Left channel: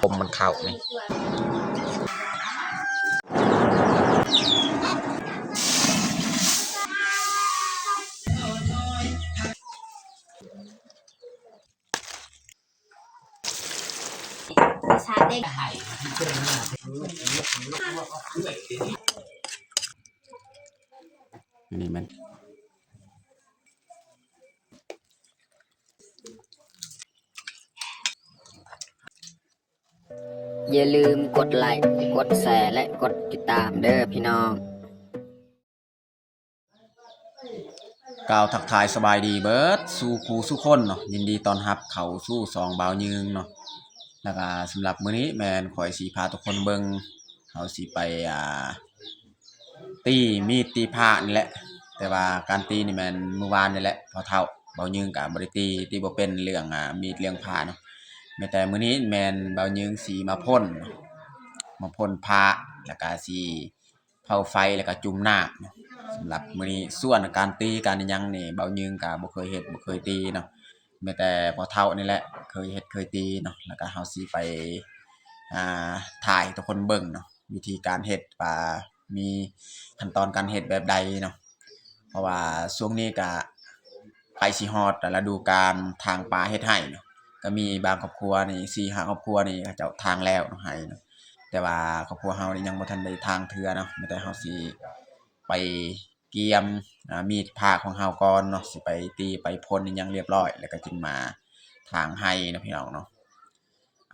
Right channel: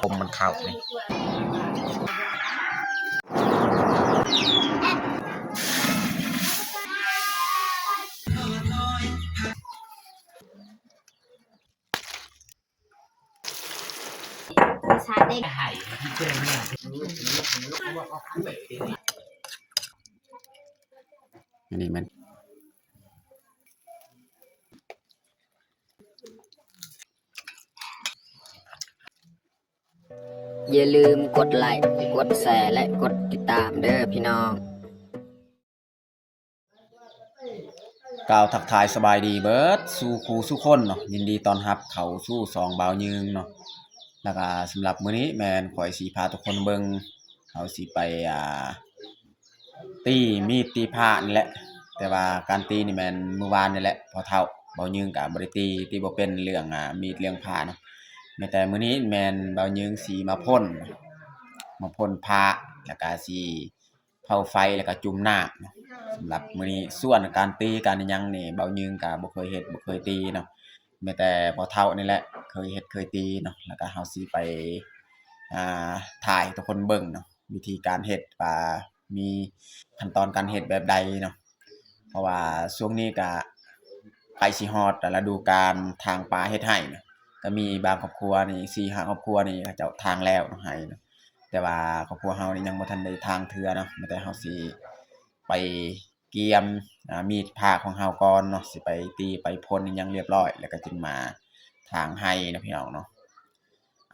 ผมมันเข้านี่ชาเด็กนี่มันอย่าลืมกดไลค์กดแชร์และกดติดตามเด้อพี่น้องกล่าวทักทายสบายดีเบิดสู่ครูสู่คนเนาะยินดีต้อนรับเข้าสู่สองบ่าวยืงเนาะแล้วก็สำหรับมื้อนี้แม่นข่อยสิพาทุกคนเบิ่งเฮาสิไปตีมีดตีผ้านี่แหละแต่ว่าการตีนี่แม่นมื้อวานนี่แหละพอเฒ่าบ่าวยืงก็บ่ได้ตีบ่เป็นเรื่องมีดเรื่องผ้าเนาะแม้แต่มื้อนี้แม่นบ่าวยืงสิมาพ่นผ้าแล้วก็สิเผาไฟแล้วก็จุ่มน้ำเนาะสำหรับมื้อนี้ส่วนการตีการอิหยังนี่บ่าวยืงก็บ่เคยเฮ็ดบ่เคยตีเนาะแม้แต่พอเฒ่านี่แหละเคยเฮ็ดเคยตีเนาะแล้วก็เฮาสิไปถ่ายให้ทุกคนเบิ่งเนาะวิธีการเฮ็ดว่ามีขั้นตอนการเฮ็ดแบบใดเนาะเพราะว่าช่วงนี้ก็ใกล้สิฮอดฤดูกาลทางปลาเฮ็ดไร่เนาะก็มีบางครอบครัวนี่4-5ครอบครัวนี่เขาเจ้าทางแล้วเนาะไร่เนาะแต่ว่าครอบครัวเฮานี่ยังบ่ทันได้ทางเทื่อเนาะแต่เฮาสิไปเกียมมีดผ้าของเฮาก่อนเนาะสิไปตีไปพ่นอิหยังเรียบร้อยแล้วก็จึงมาทางไร่นะพี่น้องเนาะ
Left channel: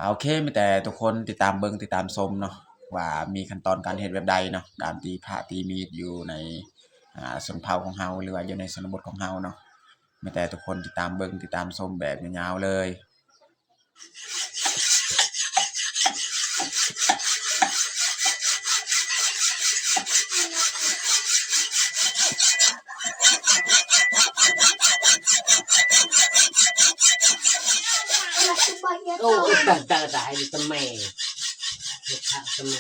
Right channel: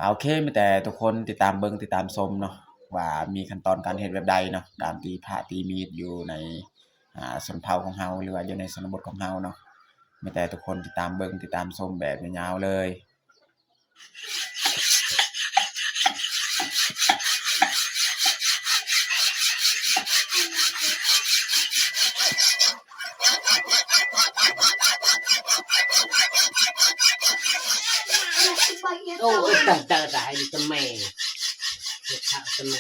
โอเคมีแต่ทุกคนติดตามเบิ่งติดตามชมเนาะว่ามีขั้นตอนการเฮ็ดแบบใดเนาะการตีผ้าตีมีดอยู่ในชนเผ่าของเฮาหรือว่าอยู่ในชนบทของเฮาเนาะมีแต่ทุกคนติดตามเบิ่งติดตามชมแบบยาวๆเลยโอ้แต่ดิทำไมทำไม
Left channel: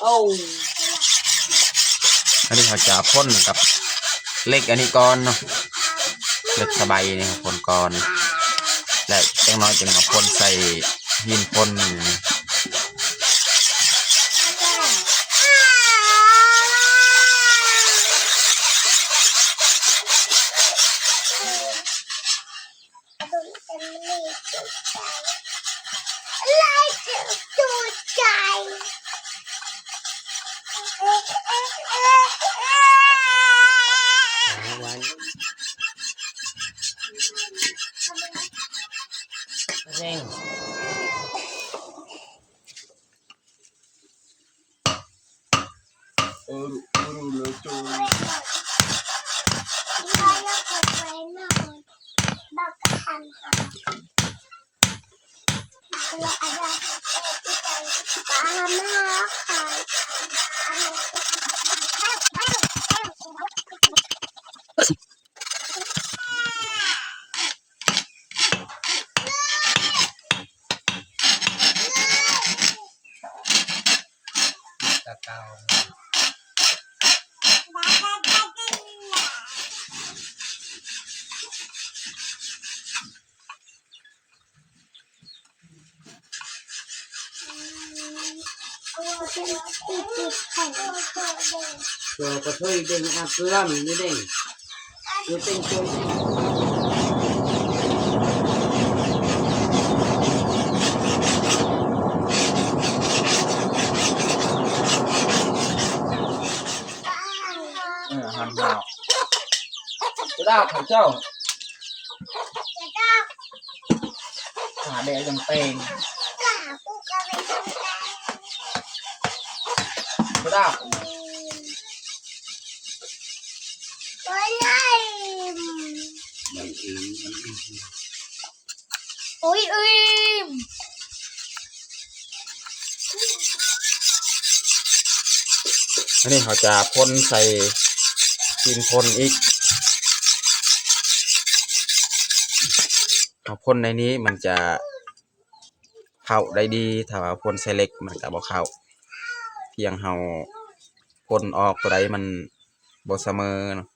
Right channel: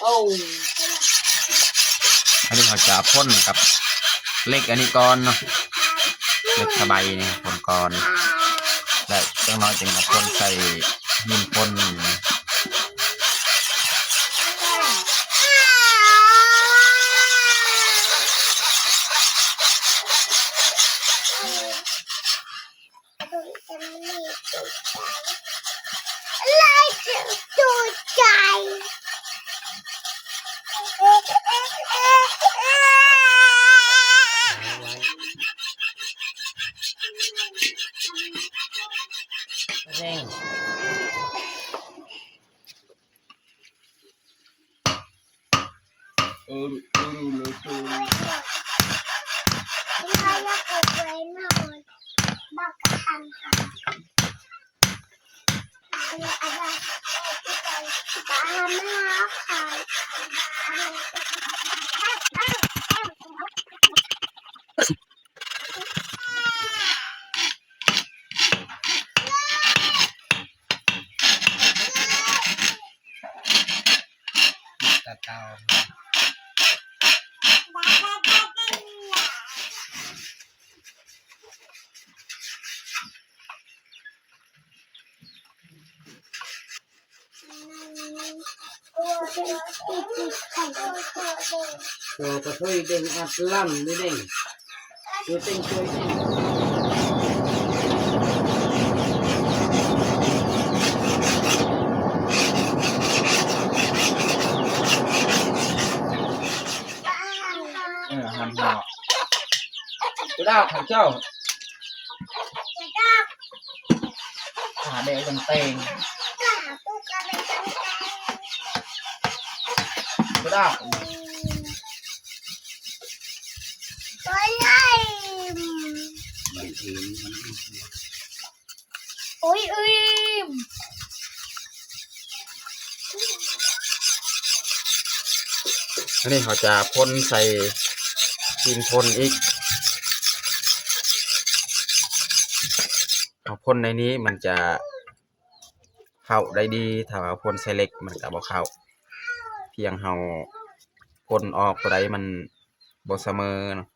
โอ้อันนี้เขาจะพ่นกับเหล็กอันนี้ก่อนเนาะเหล็กสบายนี่พ่นก่อนแล้วจังน้อยจึงมาพ่นใส่หินพ่นเร่งตะเกาตัวกระทุยเด้งอัพล่ำนี่เด้งตัวเต็งตัวหันหาวตัวดาวของเจ้าหาแดงจังเต็งตัวดาวโอ้ยอันนี้เขาจะพ่นใส่หินพ่นอีกเอาพ่นในนี้มันจะเข้าได้ดีถ้าว่าพ่นใส่เหล็กมันก็บ่เข้าเพียงเฮา พ่นออกตัวใดมันบ่เสมอเนาะ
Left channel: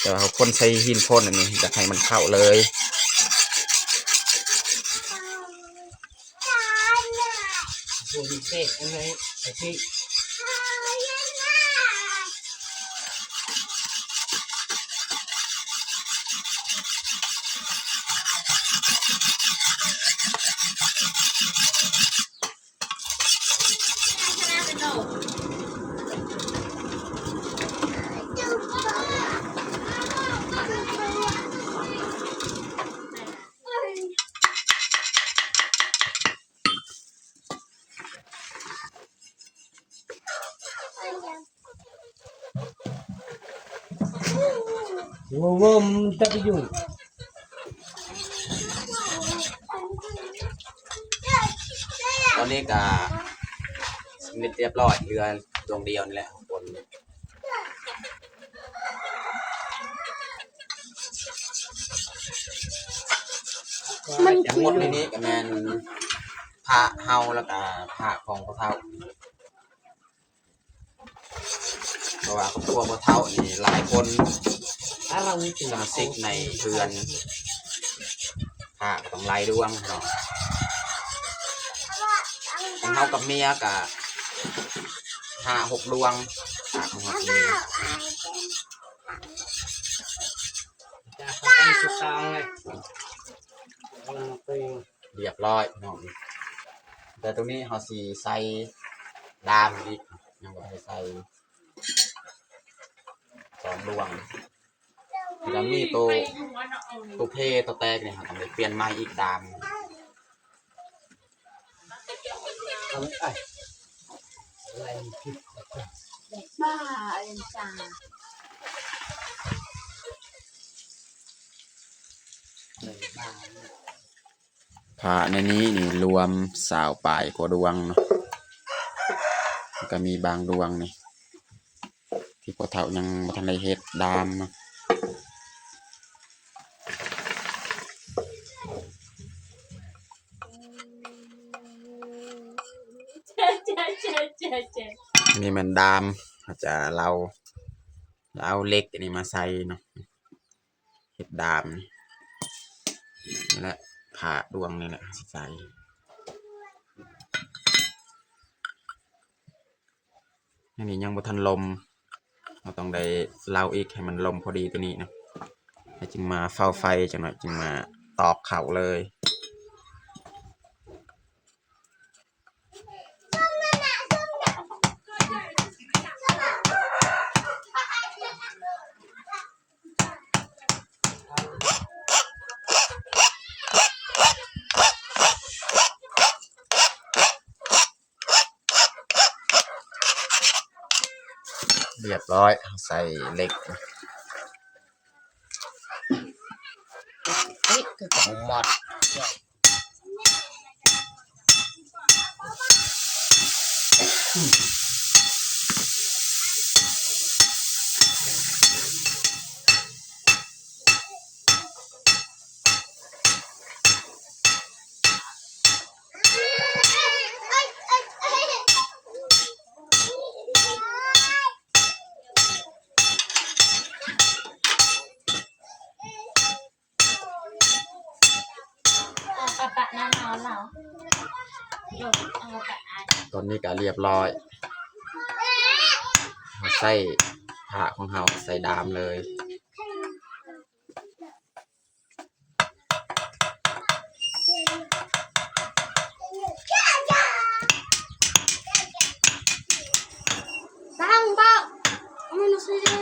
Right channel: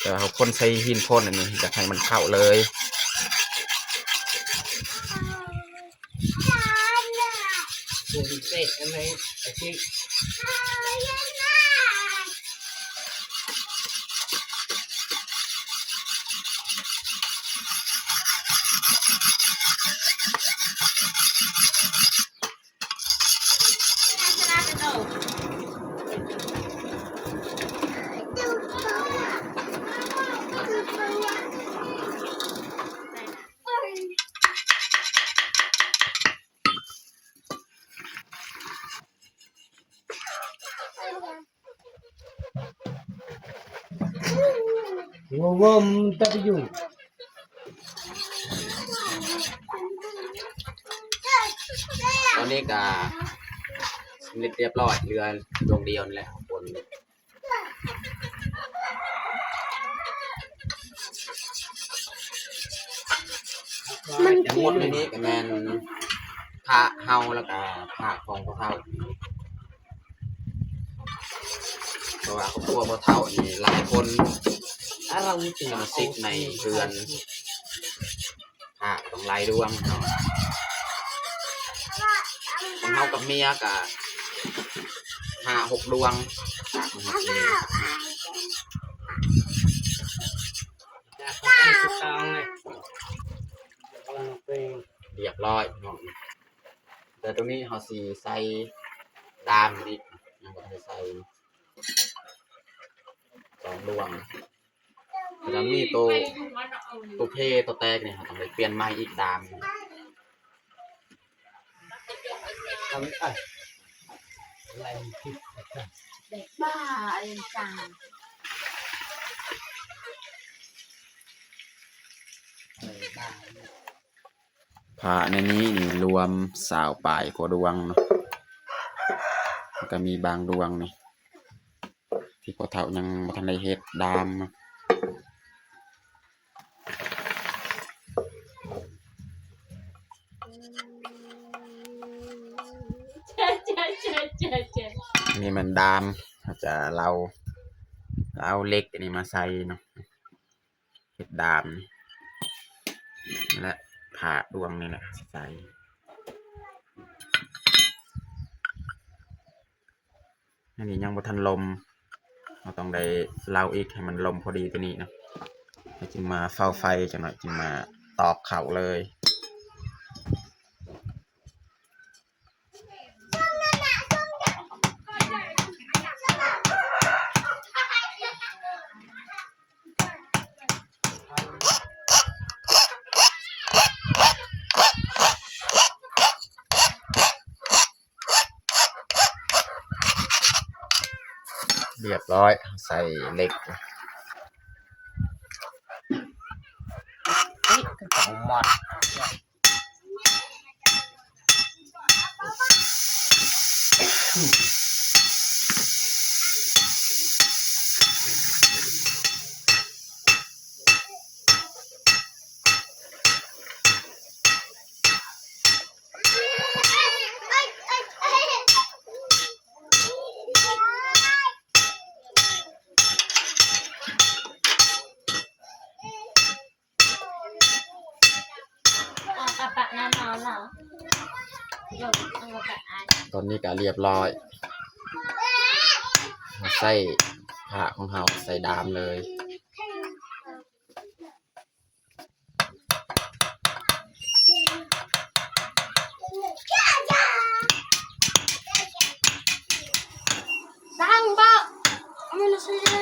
แต่เขาพ่นใส่หินพ่นอันนี้อยากให้มันเข้าเลย ตัวพิเศษอะไรไอ้ที่วมตะยุ่ง ตอนนี้ก็สำเร็จเรียบร้อยเรือดวงเดียวนี่แหละบนทั้งหมดในนี้ก็แมนพระเฮาแล้วก็พระของพ่อเฒ่าเพราะว่าครอบครัวพ่อเฒ่านี่หลายคนสมาชิกในเรือนพระต้องไล่ดวงเนาะของเฮากับเมียก็5-6 ดวงพระของเฮาเมีย จะต้องสุดตางเลยเป็น เรียบร้อยพี่น้องแต่ตรงนี้เขาสีใส่ดามอีกยังบ่ได้ใส่2 ดวงแล้วมีตัวเพตัวแตกเนี่ยเขาต้องไปเปลี่ยนไม้อีกดาม ทำอะไรผิด เด็กบ้าอะไรจัง อะไรบ้าง พระในนี้นี่รวม20 ปลายกว่าดวงเนาะก็มีบางดวงนี่ที่พ่อเฒ่ายังบ่ทันได้เฮ็ดดามเนาะ เจ๊ นี่มันดามอาจจะเราเอาเหล็กอันนี้มาใส่เนาะเฮ็ดดามนี่แหละผ่าดวงนี่แหละใส่อันนี้ยังบ่ทันลมเราต้องได้เล่าอีกให้มันลมพอดีตัวนี้นะให้จึงมาเฝ้าไฟจังหน่อยจึงมาตอกเข่าเลยเรียบร้อยใส่เหล็ก นี่คือของหมด เอากระปะน้ำเหรอโยนเอากระปะอัน ตอนนี้ก็เรียบร้อยใส่ผ้าของเราใส่ดามเลย Saan ba? Ano na sila?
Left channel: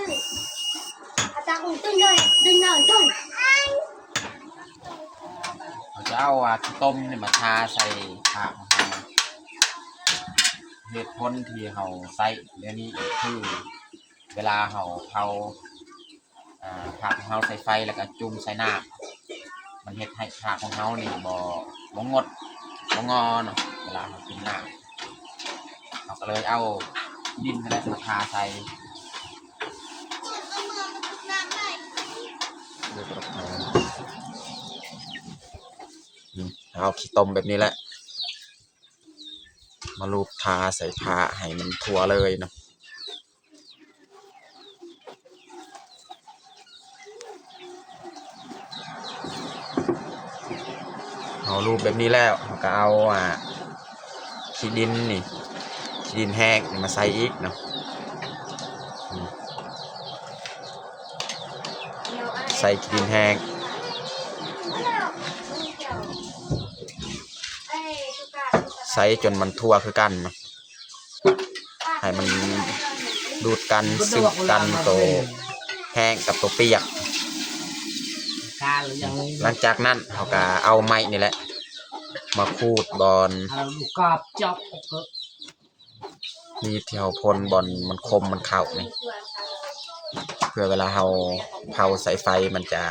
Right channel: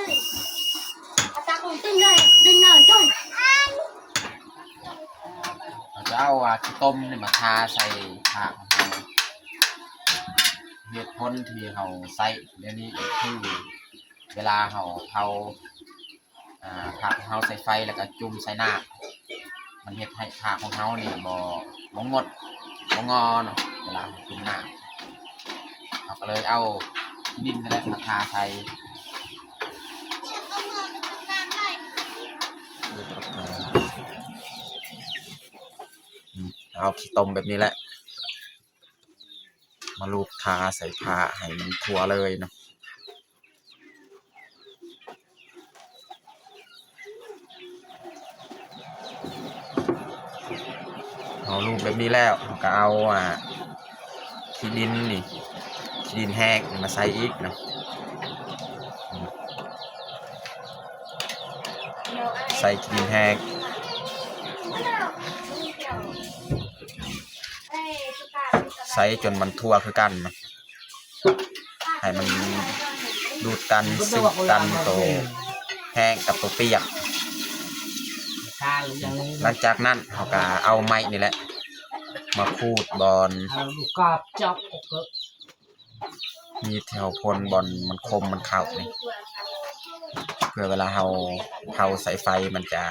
At akong tingay, tingay, tingay. เราจะเอาขี้ต้มนี่มาทาใส่ผ้าของเราเหตุผลที่เราใส่เดี๋ยวนี้คือเวลาเราเผาผ้าของเราใส่ไฟแล้วก็จุ่มใส่น้ำมันเฮ็ดให้ผ้าของเรานี่บ่งดบ่งอเนาะเวลาเราจุ่มน้ำเราก็เลยเอาดินนั่นแหละมาทาใส่เอาขี้ต้มแบบนี้แหละ มาลูบทาใส่ผ้าให้มันทั่วเลยเนาะ เอารูปแบบนี้แล้วเราก็เอาขี้ดินนี่ขี้ดินแห้งนี่มาใส่อีกนะใส่ขี้ดินแห้งใส่จนมันทั่วคือกันนะให้มันดูดกันซึมกันตัวแห้งกับตัวเปียกหลังจากนั้นเขาก็เอาไม้นี่แหละมาขูดบอลมีแถวพลบอลมันคมมันเข้านี่เพื่อเวลาเราเผาใส่ไฟมันจะ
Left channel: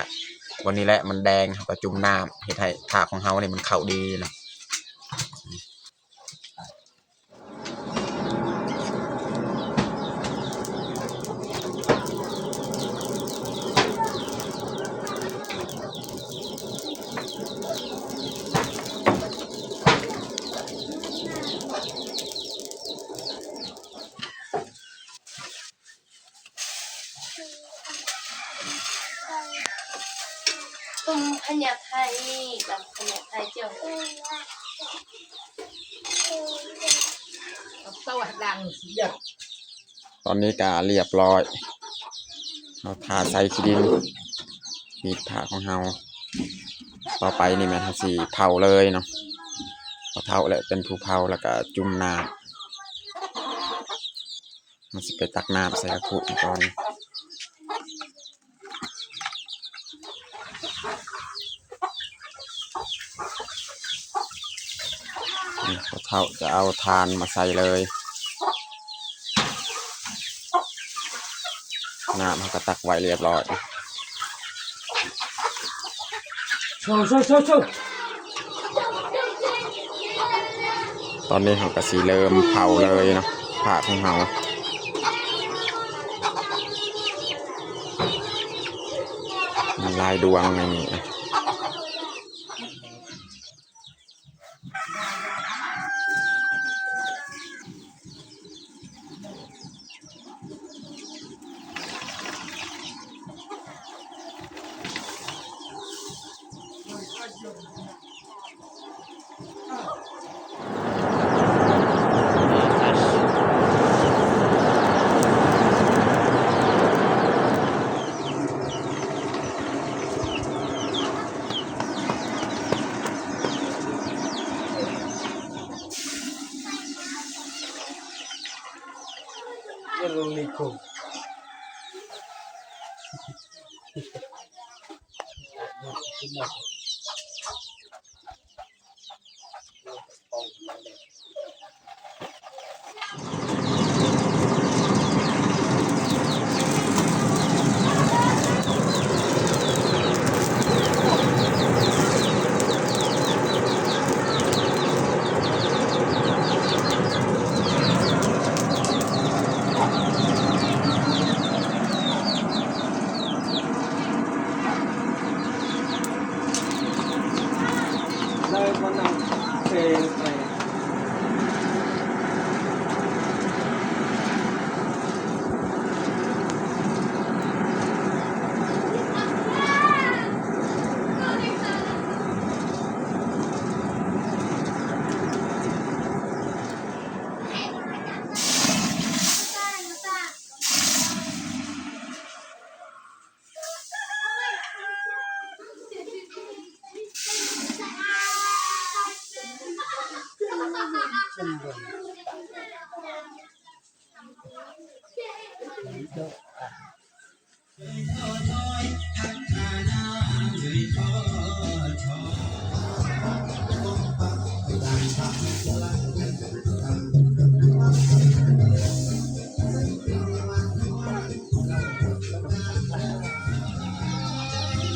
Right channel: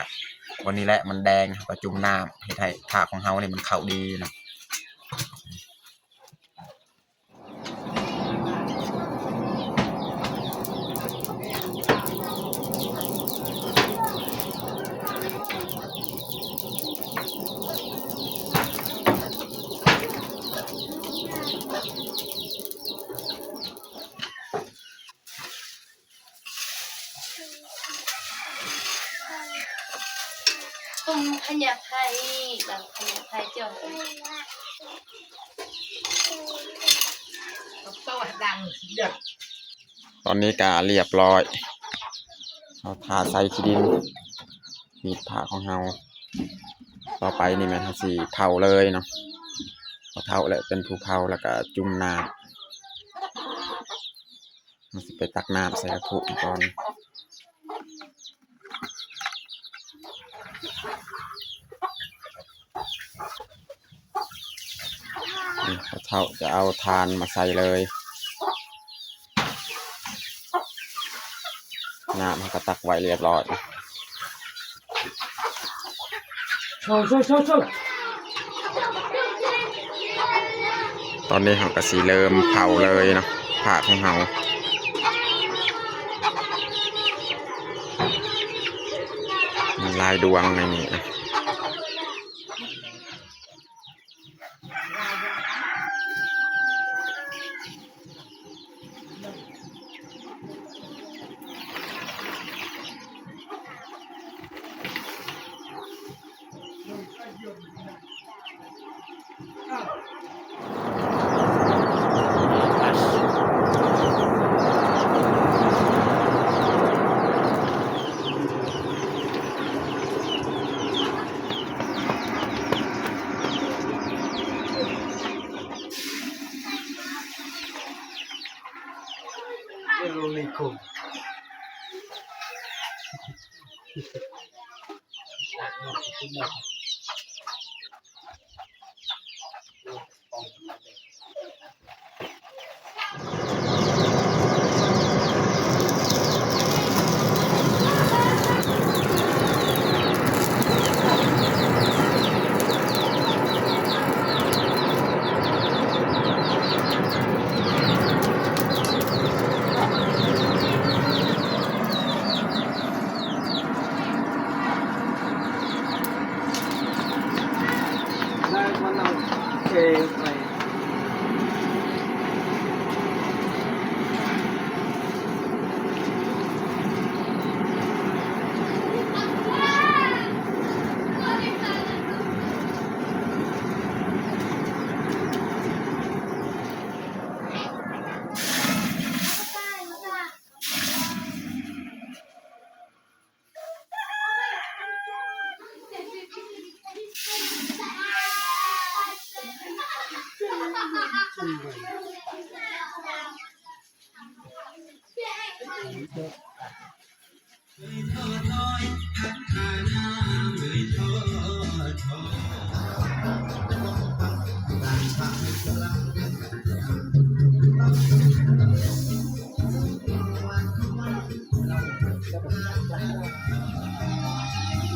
วันนี้แหละมันแดงเขาก็จุ่มน้ำเห็ดให้ผ้าของเขาเนี่ยมันเข้าดีนะต้มขยับไทยแบบขยับไทยเจียวตอนนี้กาเรียบร้อยเราทาใส่ขี้ดินมีดผ่าของเราต่อไปนี่แม่นเราสิเผาเลยเนาะพอเผาแล้วเป็นผู้เผาแล้วก็จุ่มน้ำมันสิไปตักน้ำใส่กระปุกก่อนนี่พอเผาจะเอาทานมาใส่เลยน้ำเขาก็ตักไว้เรียบร้อยตอนนี้เขาก็สีเริ่มเผาเลยเนาะผ่าของเขามันลายดวงในนี้นะ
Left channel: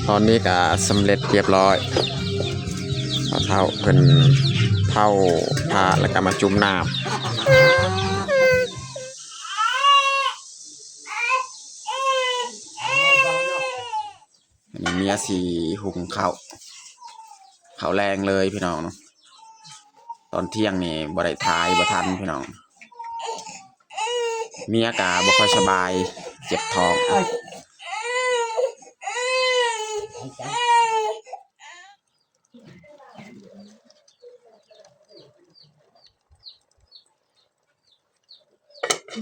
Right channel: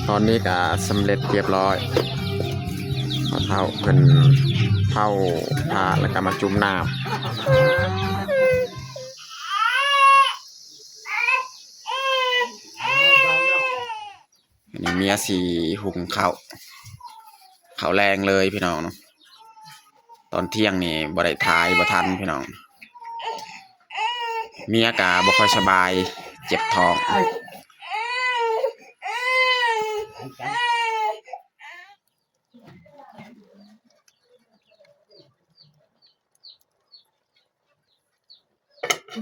ตอนนี้ก็สำเร็จเรียบร้อยเอาเท่าเพิ่นเท่าผ่าแล้วก็มาจุ่มน้ำอันนี้เมียสีหุงข้าวแรงเลยพี่น้องเนาะตอนเที่ยงนี่บ่ได้ทายบ่ทันพี่น้องเมียกะบ่ค่อยสบายเจ็บท้อง บร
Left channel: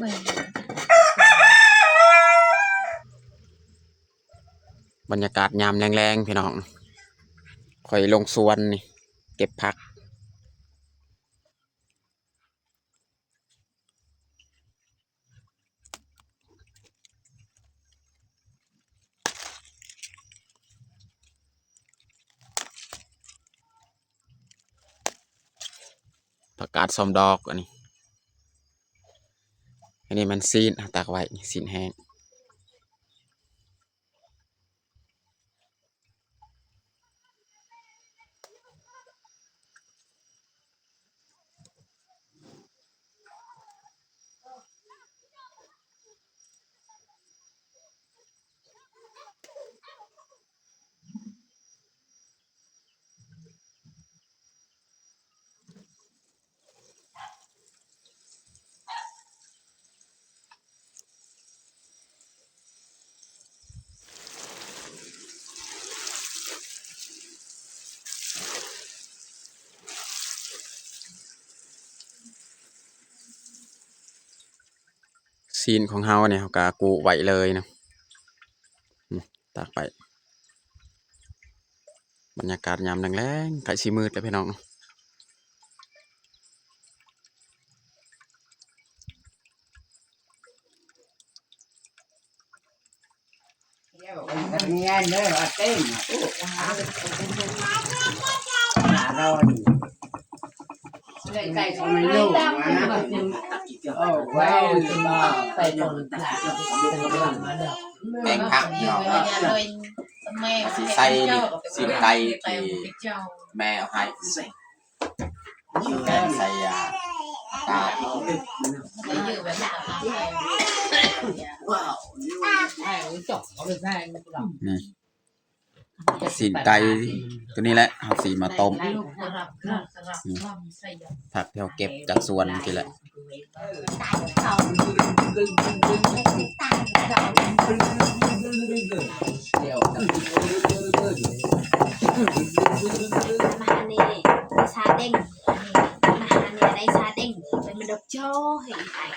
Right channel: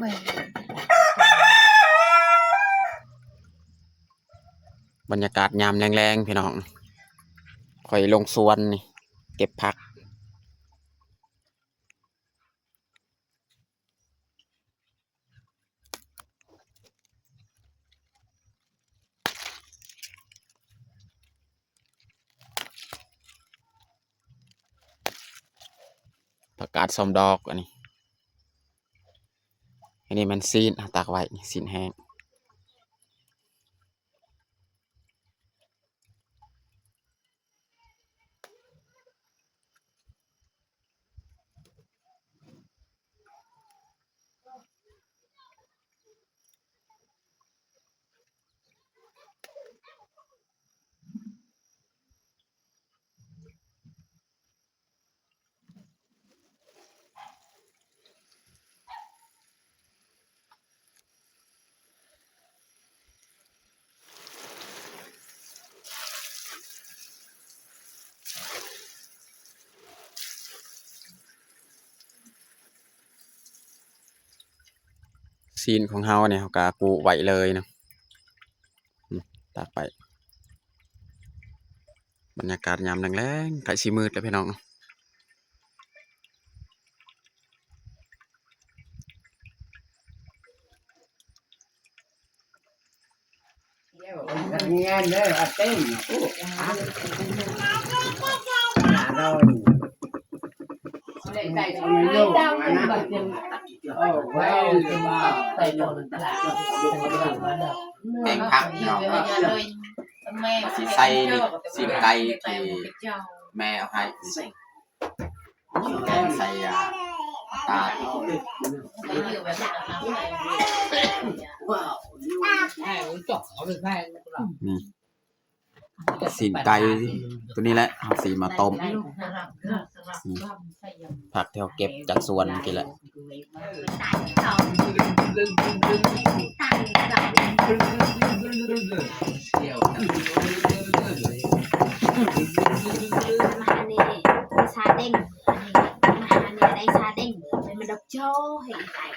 รยากาศยามแรงๆพี่น้องข่อยลงสวนนี่เก็บผักผักกาดส้มดอกอันนี้มันซีนตากไว้ซีนแห้งซีนของเฮาเนี่ยเฮากะกูไว้เลยเนาะตากไปบรรยากาศยามแรงๆใกล้สิมืดแล้วพี่น้องnghe nhớ ở tên là đâu lại cày cho mình luôn quay tay cho nó lại แกงผักพี่น้องสิใส่สิไก่ที่แม่เอาให้แกงใส่ตานี่สิไก่ตัวนี้แหละเอาสีมาต้มผักที่เราเก็บจากสวนกี่แหละSa đen đây sa đen vậy mình đập cho hiện tại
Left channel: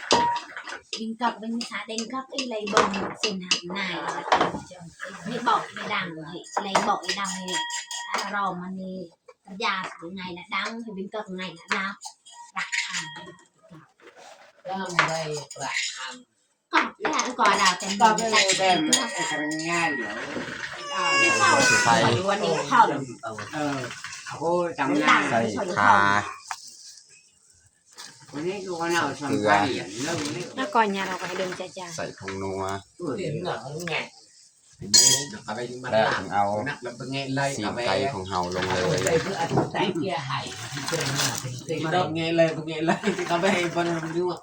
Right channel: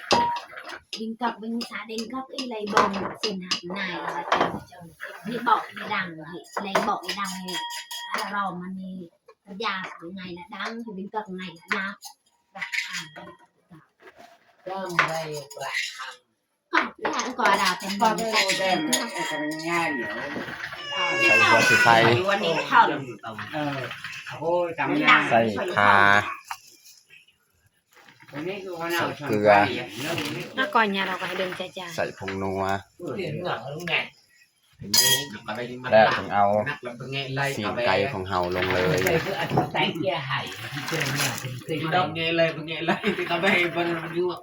bên cặp bên sa đen các cái lấy bông xin hạt này như bọ này đằng lấy bọ này đằng này rò mà này già từ ngày là đắng thì bên cặp ngày là nào đặt hàng đây là còn là còn đào tên có cái ngôi đen nghe nữa ใส่ วันนี้เข้า ôi tầm nhà ใส่คา วันนี้กูเอาหน้าชน เกลือ nó coi nhà đâu có hay đừng cha cha ใส่ผงนัว đúng nè แล้วถึงเอา nặng là tôi nghe lây สีไก่ของเฮาลงเลย đây cứ ăn tán kia hại thì đâu nghe lây thì tao về bên mình vui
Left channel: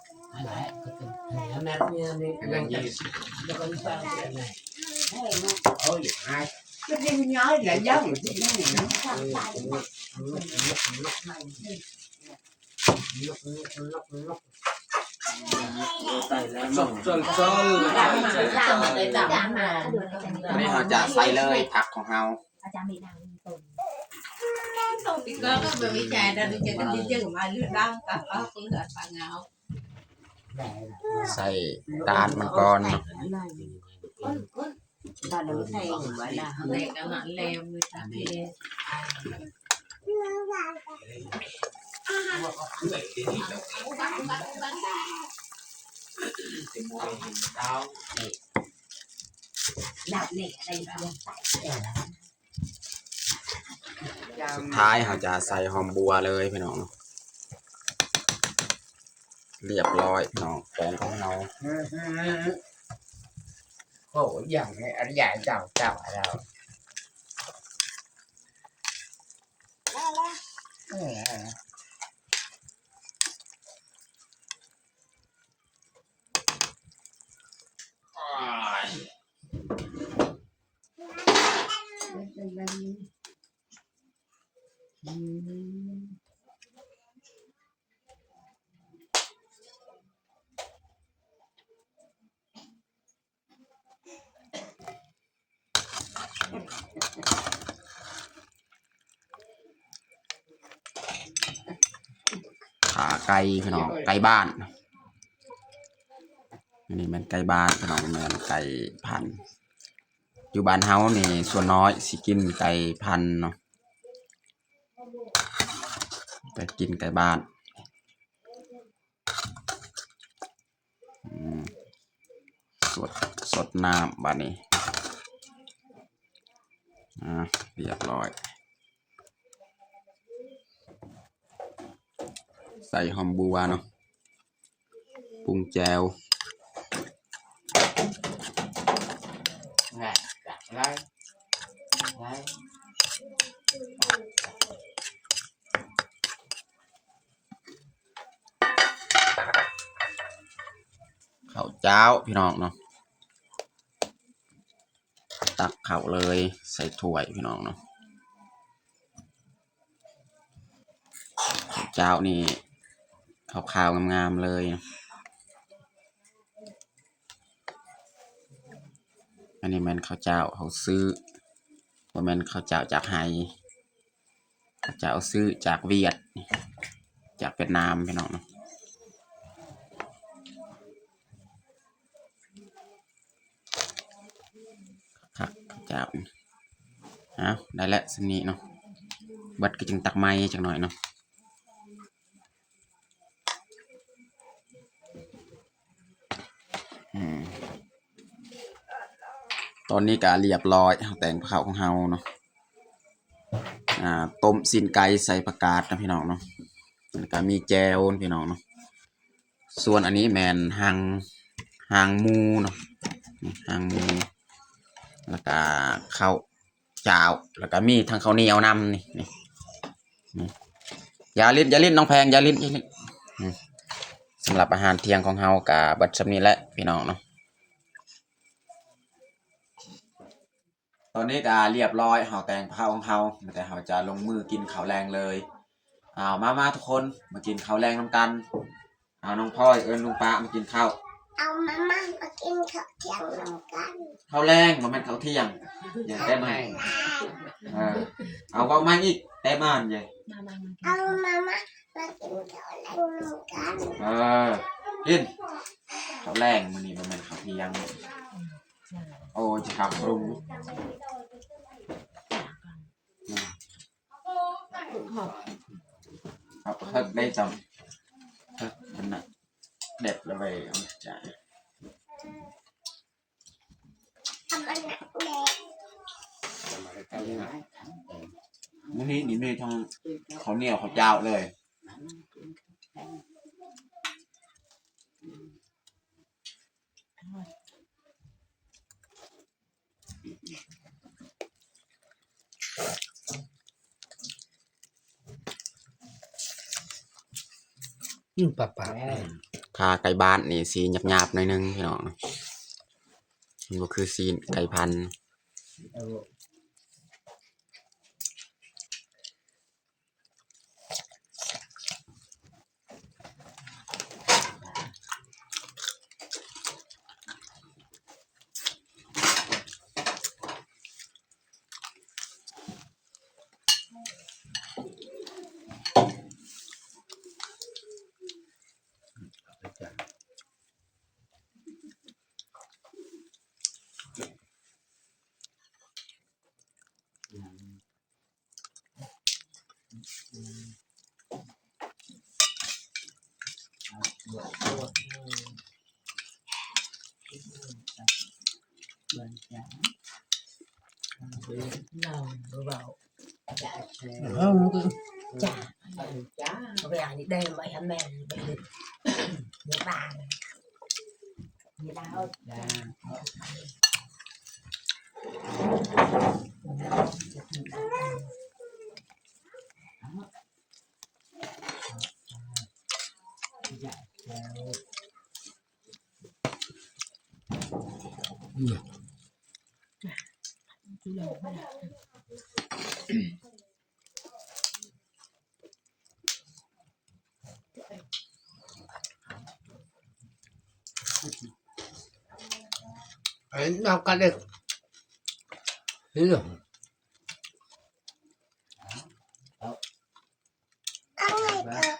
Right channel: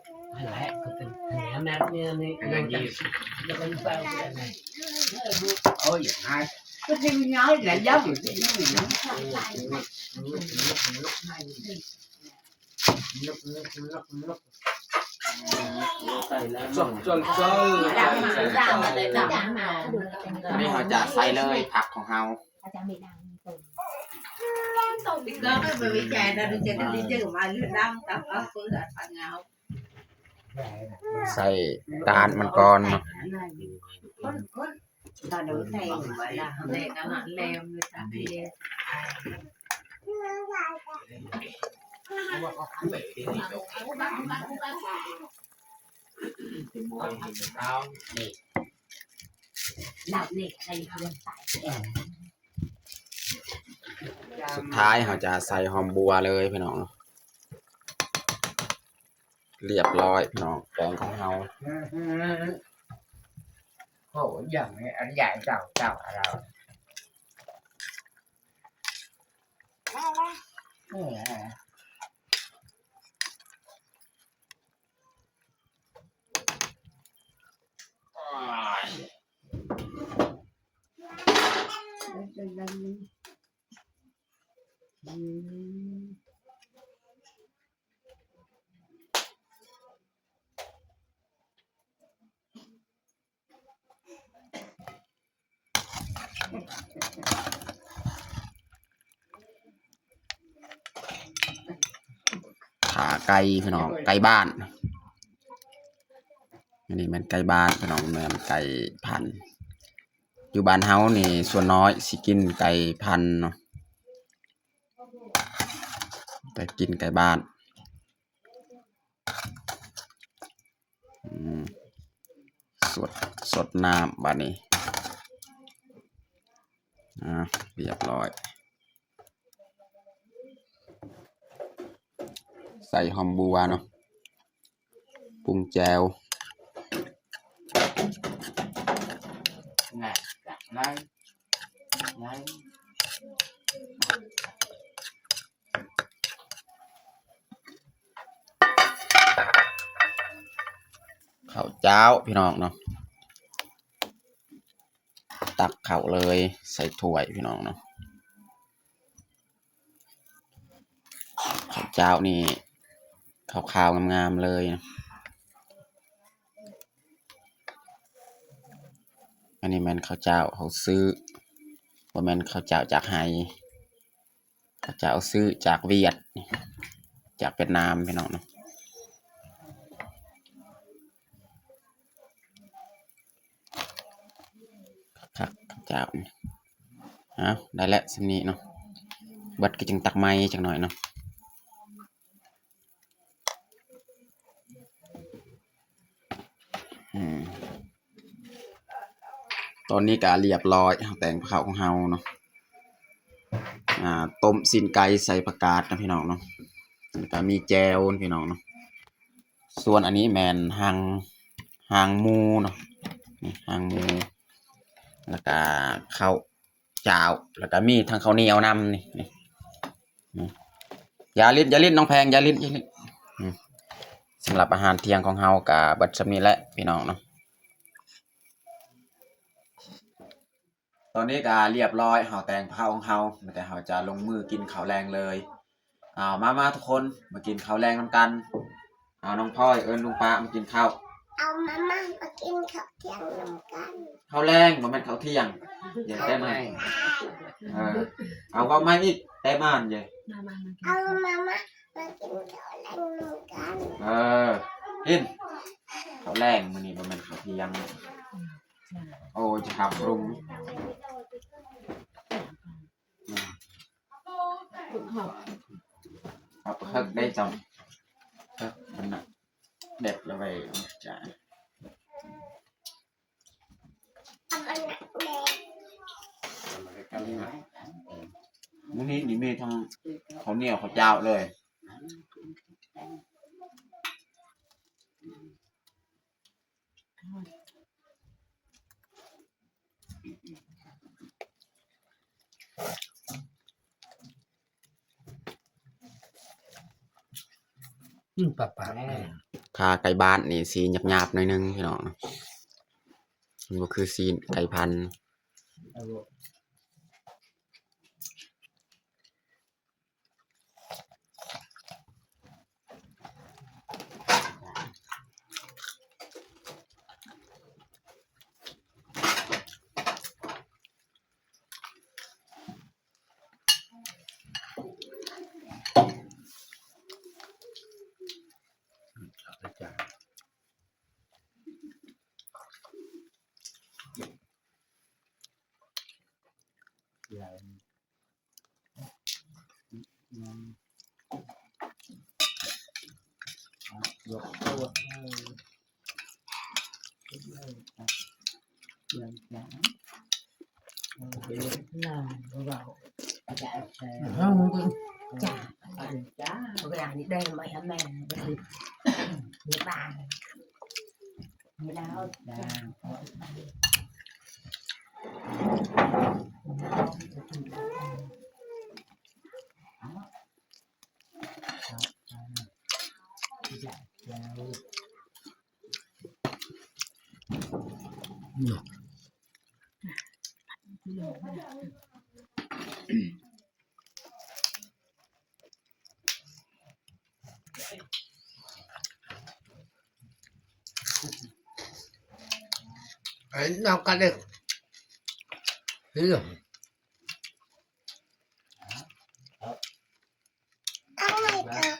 hôm nay nghe gì nó có sao này ôi ai cái gì nhớ lại giống cái gì lúcนี่เราจะใส่เลยผักของเฮา Đi có cái bữa chè ra đi chơi cái đi chơi của mai lướt đăng tập áo cũng lướt phải ngáo ใส่ตาลมันก่อน ta đối tay gọi là để các bạn lem người ta đi đào nè đây สุดท้ายเราจะใส่หอมบัวเลยพี่น้องเรียบร้อยพี่น้องแกงของเรา khổ dần anh dạy chào chào rồiขาไก่พี่น้องไก่บ้าน อันนี้แม่นไก่บ้านพี่น้องแม่นไก่พันธุ์อยู่บ้านเฮานี่ส่วนน้อยสิกินไก่พันธุ์เนาะแต่กินไก่บ้านสดสดน้ำบาดนี้เรียบร้อยใส่หอมบัวเนาะปรุงแจว ngại cả lái lái ข้าวเจ้าพี่น้องเนาะตักข้าวเลยใส่ถ้วยพี่น้องเนาะข้าวเจ้านี่ขาวๆงามๆเลยนะอันนี้แม่นข้าวเจ้าเขาซื้อว่าแม่นข้าวเจ้าจากไฮข้าวเจ้าซื้อจากเวียดจากเวียดนามพี่น้องเนาะข้าวเจ้าได้แล้วสำนี้เนาะบัดก็จึงตักไม้จังหน่อยเนาะตอนนี้ก็เรียบร้อยแต่งข้าวของเฮาเนาะต้มซีนไก่ใส่ผักกาดนะพี่น้องเนาะแล้วก็มีแจวพี่น้องเนาะส่วนอันนี้แมนหางหมูเนาะนี่หางหมูแล้วก็ข้าวเจ้าแล้วก็มีทางข้าวเหนียวนำนี่อย่าลิ้นน้องแพงอย่าลิ้นสำหรับอาหารเที่ยงของเฮากับบัดซำนี้แหละพี่น้องเนาะตอนนี้ก็เรียบร้อยเฮาแต่งข้าวของเฮาแต่เฮาจะลงมือกินข้าวแรงเลยมาทุกคนมากินข้าวแรงน้ำกันเอาน้องพ่อยลุงป้ามากินข้าวเอามากินข้าวเที่ยงนำกัน ข้าวแรงบ่แม่นข้าวเที่ยงอย่างแต่มาเอาก็ไม่อีกแต่มานใหญ่ เอามากินข้าวแรงนำกัน กินข้าวแรงมื้อนี้บ่แม่นข้าวเที่ยงโอ้จะขับปรุงครับเฮิกได้จำเฮิกมันน่ะเด็ดเลยเอาจ้ะ เอามันหนักแน่ มื้อนี้นี่มีทั้งข้าวเหนียวข้าวเจ้าเลยpapa ขาไก่บ้านนี่สีหยาบๆหน่อยนึงพี่น้องมันก็คือสีไก่พันธุ์về đi đây mày anh mẹ người ta người ta nào cả được thế rồi เอาไว้เถอะ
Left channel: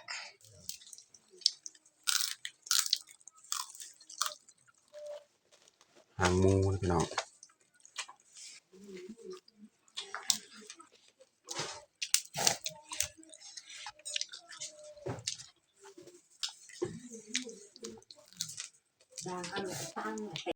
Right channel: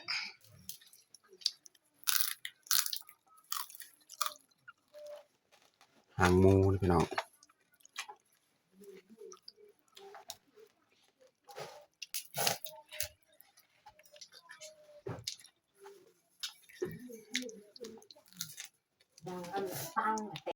หางหมูนะพี่น้อง